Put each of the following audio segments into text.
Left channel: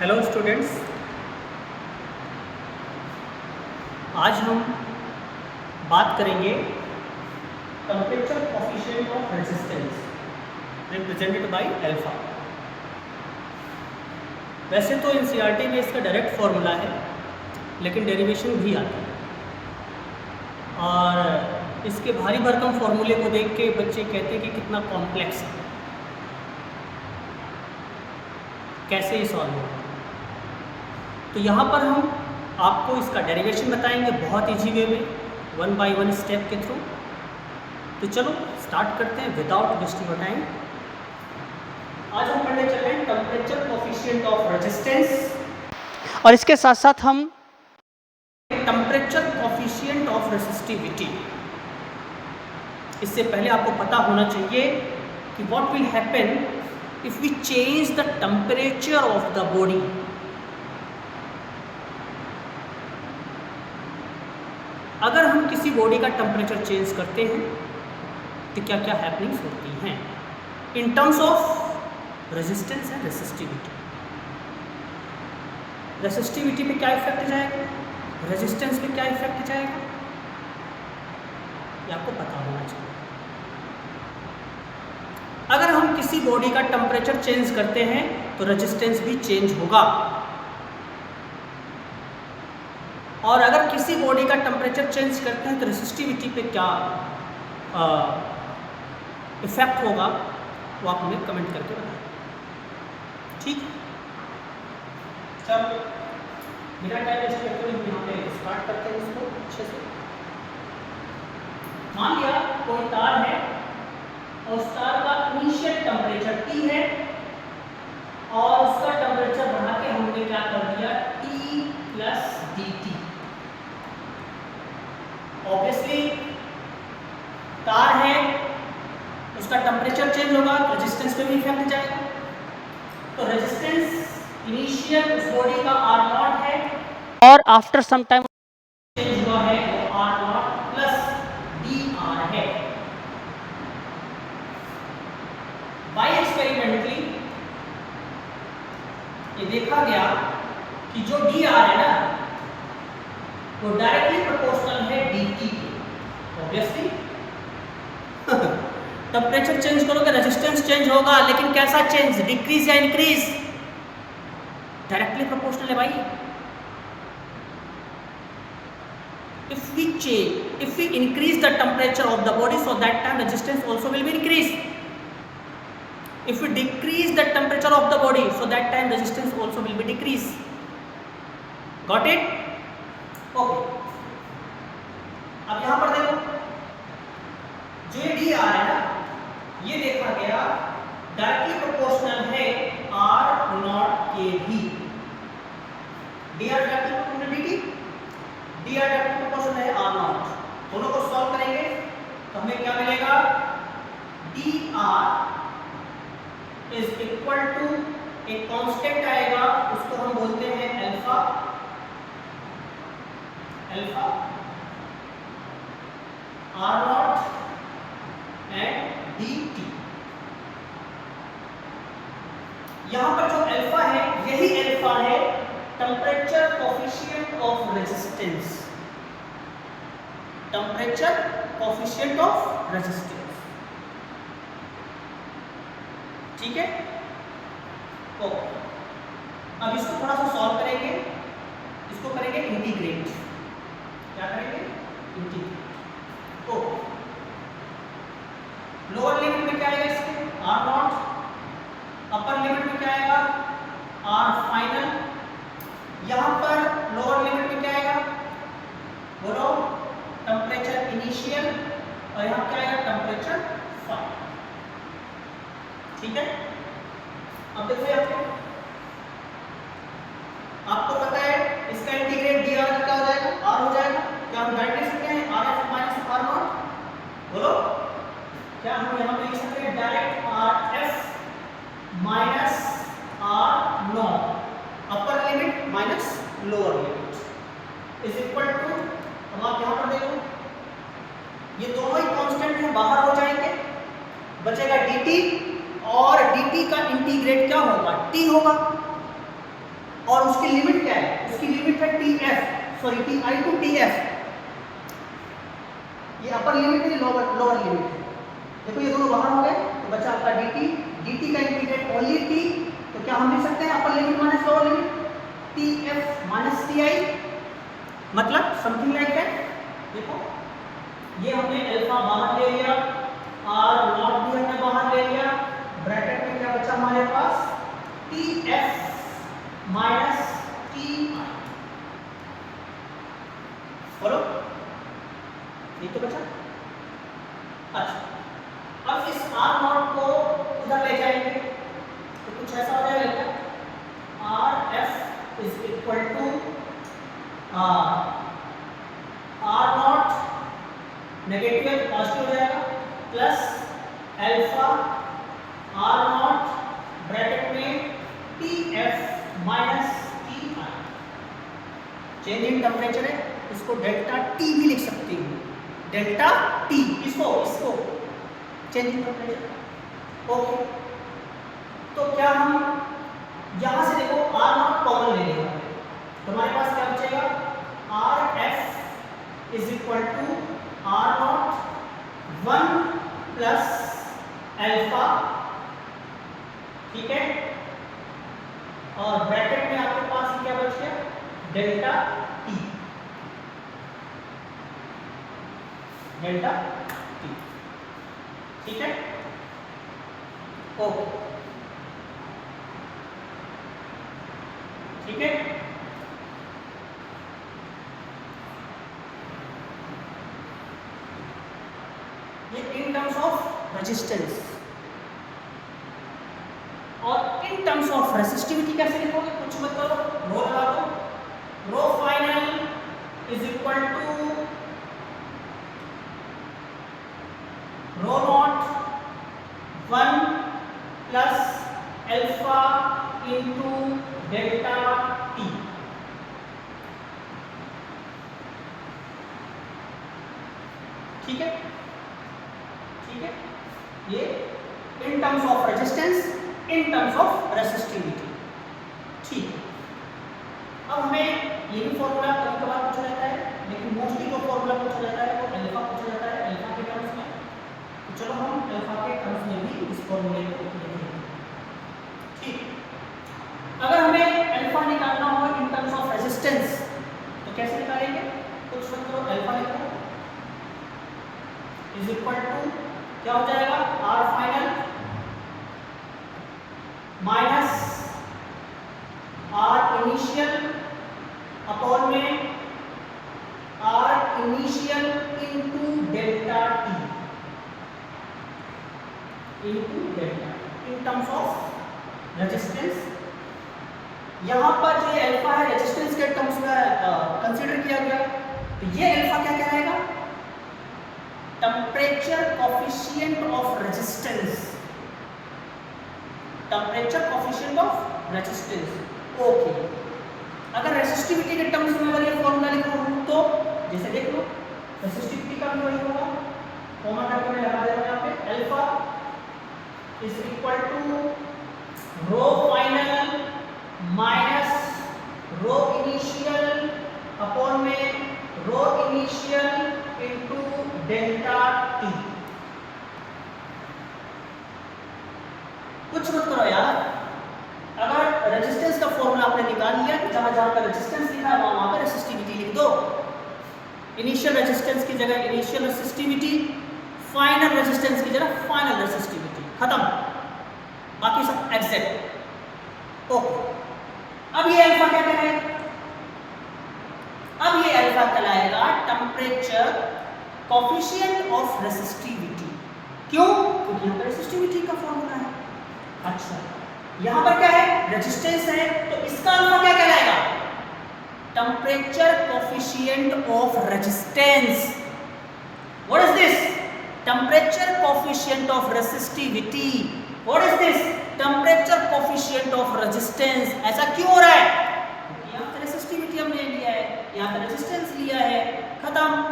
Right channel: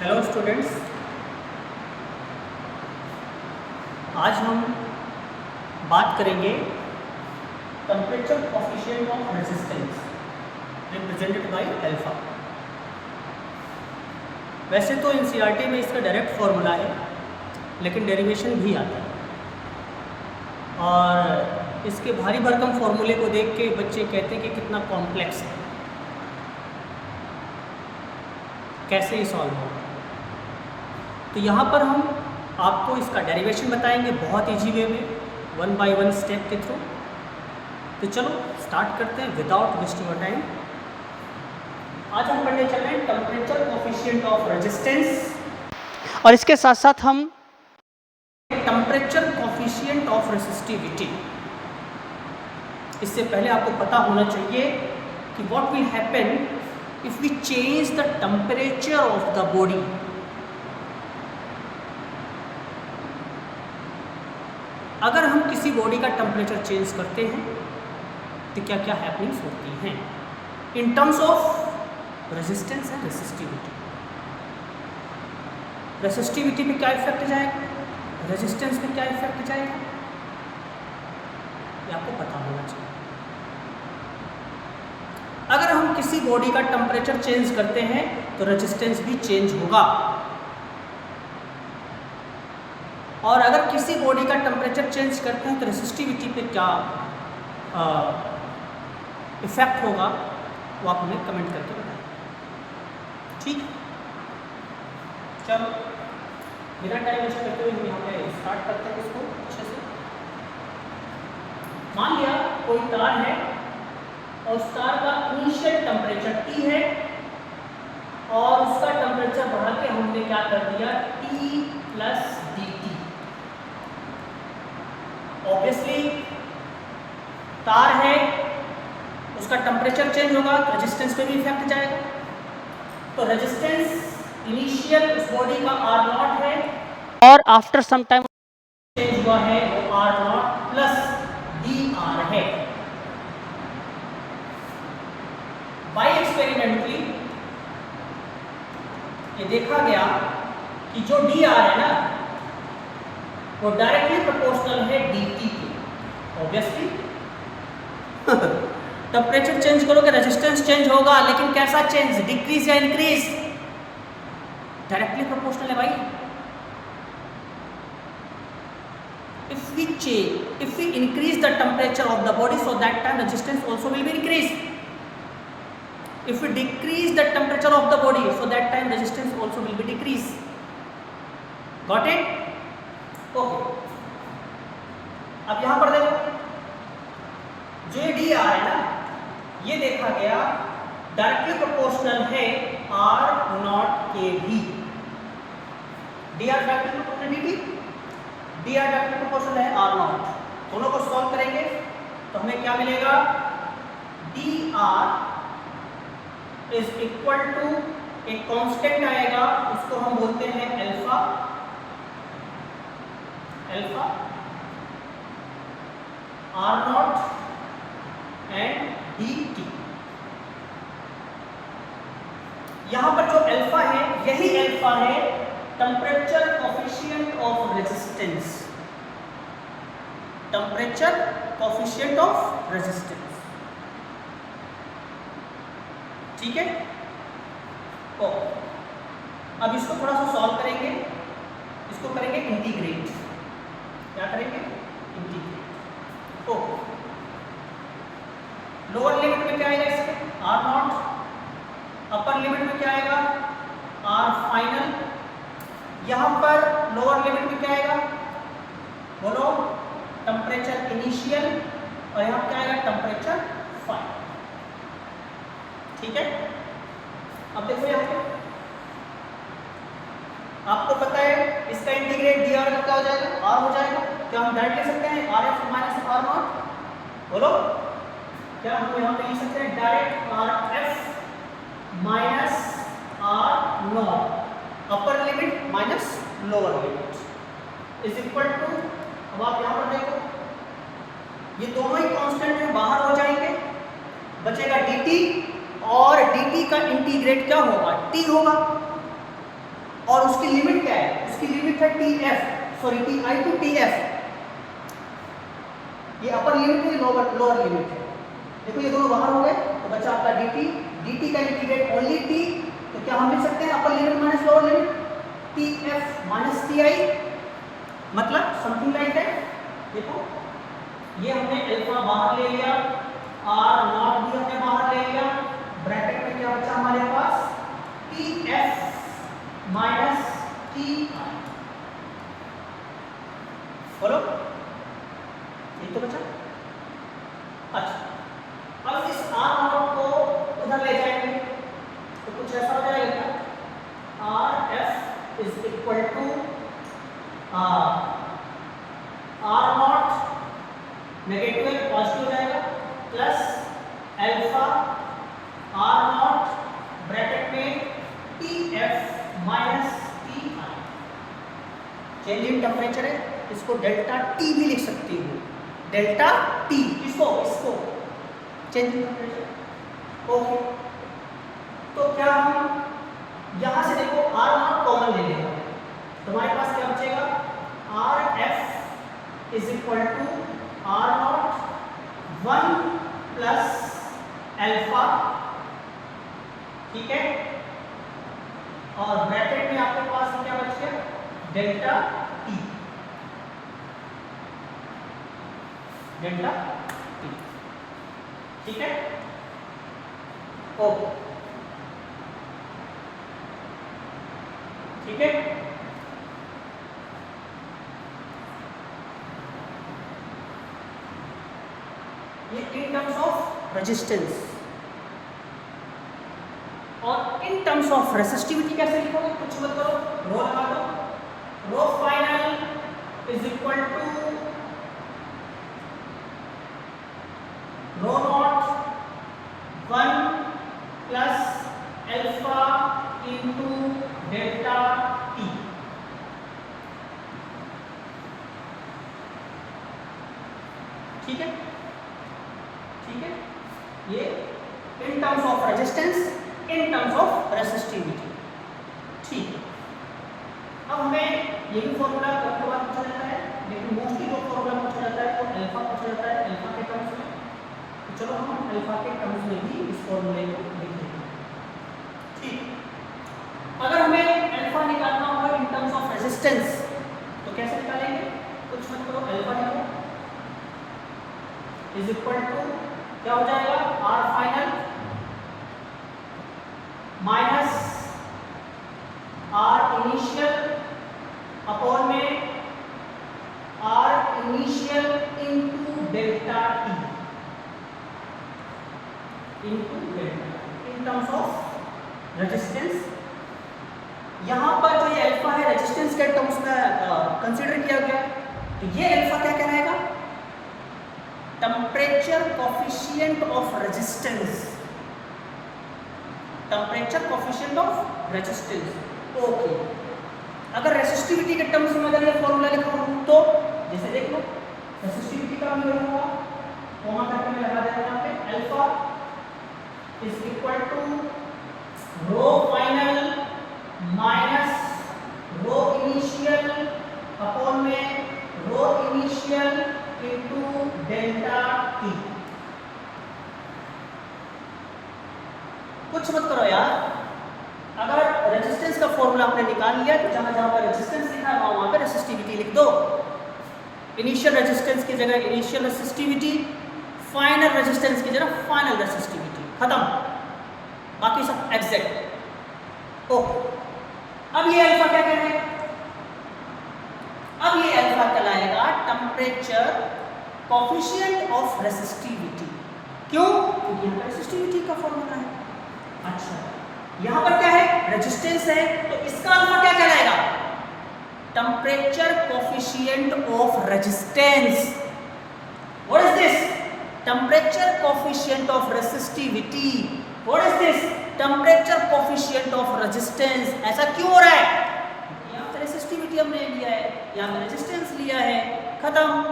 Hello students, आज हम बात करेंगे temperature coefficient of resistance represented by alpha. वैसे तो एनसीईआरटी में इसका डायरेक्ट फॉर्मूला है, लेकिन डेरिवेशन भी आता है और इसके भारी भरकम फॉर्मूले को देख के बच्चे कहते हैं कि कितना कॉम्प्लेक्स है, कैसे ही सॉल्व होगा। तो यहाँ पर हम आपको इसका डेरिवेशन बताएंगे बहुत ईजी वे में, 1 बाय 1 स्टेप के थ्रू। तो चलो स्टार्ट करते हैं विदाउट वेस्टिंग योर टाइम। आज हम पढ़ने चल रहे हैं टेम्परेचर कोफिशिएंट ऑफ रेजिस्टेंस, और इसके साथ साथ हम टेम्परेचर कोफिशिएंट ऑफ रेसिस्टिविटी। इससे पहले आपको पता होना चाहिए कि what will happen if we change the temperature of the body. अगर हम किसी बॉडी का टेम्परेचर चेंज करते हैं तो क्या क्या हैपनिंग्स होती हैं इन terms of resistance and resistivity. Resistivity पे क्या इफेक्ट जाएगा, रेजिस्टेंस पे क्या इफेक्ट जाएगा, ये आपको पता होना चाहिए। अगर हम किसी बॉडी का टेम्परेचर चेंज करते हैं तो रेजिस्टेंस भी चेंज होगा, और अगर किसी बॉडी का टेम्परेचर चेंज करते हैं तो रेसिस्टिविटी पे क्या इफेक्ट होगा वो आप हमें कमेंट करके बताएं। ठीक, चलो बिना टाइम वेस्ट करते हुए यहाँ पे स्टार्ट करते हैं इसको अच्छे से। मान लिया कोई तार है और उस तार का इनिशियल टेम्परेचर T है और उसका टेम्परेचर बढ़ा के हमने क्या कर दिया T प्लस dt। ऑब्वियसली तार है, उसका टेम्परेचर चेंज होगा, रेजिस्टेंस पे भी इफेक्ट जाएगा। तो रेजिस्टेंस इनिशियल उस बॉडी का R0 है और आफ्टर सम टाइम चेंज हुआ है वो R0 प्लस dr है। बाय एक्सपेरिमेंटली ये देखा गया कि जो dr है ना वो डायरेक्टली प्रोपोर्शनल है dt के। ऑब्वियसली टेम्परेचर चेंज करोगे रेजिस्टेंस चेंज होगा, लेकिन कैसा चेंज, डिक्रीज या इंक्रीज? डायरेक्टली प्रोपोर्शनल है भाई। if we increase the temperature of the body, so that time resistance also will be increased. If we decrease the temperature of the body, so that time resistance also will be decreased. Got it? Okay, अब यहां पर देखो जो ये D R है ना, ये देखा गया डायरेक्टली प्रोपोर्शनल है R नॉट के भी। D r directly proportional d d r directly proportional है R नॉट। दोनों को सॉल्व करेंगे तो हमें क्या मिलेगा, d r is equal to एक कांस्टेंट आएगा, उसको हम बोलते हैं alpha R naught and d t. यहां पर जो अल्फा है यही अल्फा है temperature coefficient of resistance. Temperature coefficient of resistance, ठीक है। ओके, अब इसको थोड़ा सा सॉल्व करेंगे, इसको करेंगे इंटीग्रेट। क्या करेंगे, इंटीग्रेट। ओके, लोअर लिमिट में क्या आएगा इसके R नॉट, अपर लिमिट में क्या आएगा R फाइनल। यहां पर लोअर लिमिट में क्या आएगा, बोलो, टेम्परेचर इनिशियल, और यहां क्या आएगा टेम्परेचर फाइनल। ठीक है, अब देखो यहां पे आपको पता है इसका इंटीग्रेट डी आर का क्या हो जाएगा, R हो जाएगा। क्या हम डायरेक्ट लिख सकते हैं RF माइनस R नॉट? बोलो, क्या हम यहाँ पे लिख सकते हैं direct RF minus R naught, upper limit minus lower limit is equal to, अब आप यहाँ पर देखो ये दोनों ही कांस्टेंट में बाहर हो जाएंगे, बचेगा dt, और dt का इंटीग्रेट क्या होगा, t होगा। और उसकी लिमिट क्या है, उसकी लिमिट है TF, sorry TI to TF। ये अपर लिमिट है, लोअर लिमिट है। देखो ये दोनों बाहर हो गए तो बचा आपका dt का इंटीग्रेट ओनली t, तो क्या हम लिख सकते हैं अपर limit minus lower limit, TF minus TI, मतलब समथिंग लाइक दैट। देखो ये हमने अल्फा बाहर ले लिया, R0 भी हमने बाहर ले लिया, ब्रैकेट में क्या बचा हमारे पास, TF माइनस TI। बोलो ये तो बचा। अच्छा अब इस R0 को उधर ले जाएंगे तो कुछ ऐसा हो जाएगा क्या, RF is equal to R0 negative है पॉजिटिव हो जाएगा, प्लस अल्फा R0 ब्रैकेट में TF minus TI। Change in temperature है, इसको डेल्टा T भी लिख सकती हूँ, डेल्टा T, इसको चेंज इन टेम्परेचर। ओके तो क्या हम यहां से देखो R0 कॉमन ले लेंगे तो हमारे पास क्या बचेगा, RF is equal to R0 1 plus alpha, ठीक है, और ब्रैकेट में आपके पास क्या बच गया, डेल्टा T, डेल्टा T, ठीक है। ओके ठीक है। ये इन टर्म्स ऑफ रेजिस्टेंस, और इन टर्म्स ऑफ रेसिस्टिविटी कैसे लिखोगे, कुछ मत करो, रो लगा दो, rho final is equal to rho naught 1 plus alpha into delta T। ठीक है, ठीक है, ये in terms of resistance, in terms of resistivity. ठीक है, अब हमें ये भी फॉर्मूला कभी कभार पूछा जाता है, लेकिन मोस्टली जो फॉर्मूला पूछा जाता है वो अल्फा पूछा जाता है, अल्फा के टर्म्स में। तो चलो हम अल्फा के टर्म्स में भी इस फॉर्मूले को लिखेंगे। ठीक, अगर हमें अल्फा निकालना हो इन टर्म्स ऑफ रेजिस्टेंस तो कैसे निकालेंगे, कुछ मत करो, अल्फा निकालो इज इक्वल टू क्या हो जाएगा, R final minus R initial upon में R initial into delta T, into delta in terms of resistance. यहां पर जो ये अल्फा है रेजिस्टेंस के टर्म्स में कंसीडर किया गया, तो ये अल्फा क्या कहलाएगा, temperature coefficient of resistance, temperature coefficient of resistance. Okay, अगर रेसिस्टिविटी के टर्म्स में अगर ये फॉर्मूला लिखा हो तो जैसे देख लो, रेसिस्टिविटी का भी वही होगा, कॉमा करके मैं लगा देता हूं यहां पे, alpha is equal to rho final minus rho initial upon में rho initial into delta T। कुछ मत करो यार, अगर रेजिस्टेंस का फॉर्मूला आपने निकाल लिया तो जहां जहां पर रेजिस्टेंस लिखा है वहां पर रेसिस्टिविटी लिख दो। इनिशियल रेजिस्टेंस की जगह इनिशियल रेसिस्टिविटी, फाइनल रेजिस्टेंस की जगह फाइनल रेसिस्टिविटी, खत्म, बाकी सब एग्जैक्ट। ओके, अब ये अल्फा क्या कहलाएगा, अब ये अल्फा कहलाएगा टेम्परेचर कोफिशिएंट ऑफ रेसिस्टिविटी। क्यों, क्योंकि यहाँ पर रेसिस्टिविटी का फॉर्मूला है। अच्छा, यहाँ पर क्या है, रेजिस्टेंस है, तो इसका अल्फा क्या कहलाएगा, temperature coefficient of resistance. What is this, temperature coefficient of resistivity. What is this, temperature coefficient of resistance. ऐसा क्यों हो रहा है, क्योंकि यहाँ पे रेसिस्टिविटी हमने लिया है, यहाँ पे रेजिस्टेंस लिया है, खत्म।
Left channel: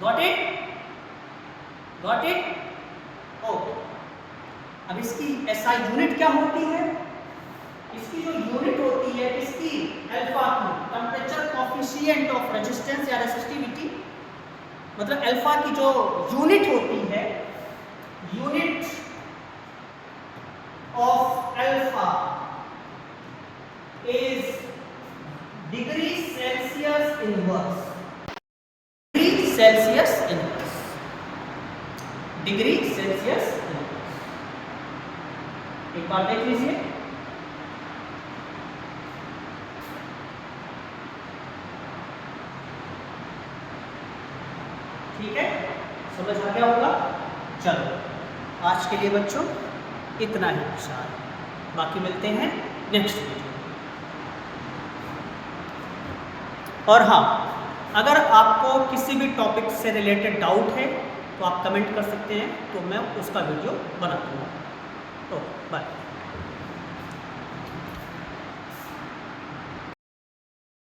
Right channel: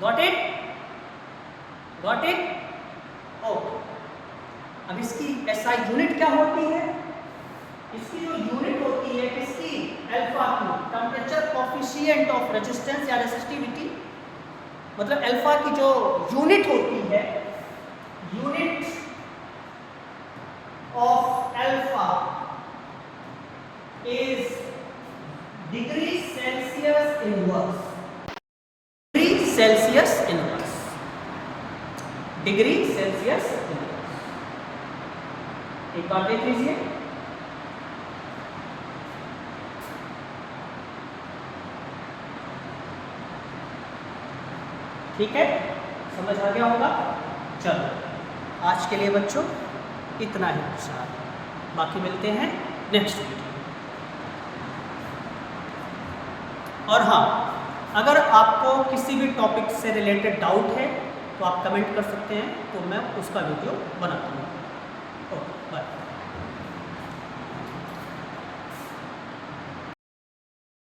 Got it, got it. Okay, अब इसकी एसआई यूनिट क्या होती है, इसकी जो यूनिट होती है किसकी, अल्फा की, टेम्परेचर कोफिशिएंट ऑफ रेजिस्टेंस या रेसिस्टिविटी, मतलब अल्फा की जो यूनिट होती है, unit of alpha is degree Celsius inverse, degree Celsius inverse, degree Celsius inverse. एक बार देख लीजिए, ठीक है, समझ आ गया होगा। चलो आज के लिए बच्चों इतना ही विचार, बाकी मिलते हैं नेक्स्ट वीडियो में। और हाँ, अगर आपको किसी भी टॉपिक से रिलेटेड डाउट है तो आप कमेंट कर सकते हैं, तो मैं उसका वीडियो बना दूँगा। Okay bye.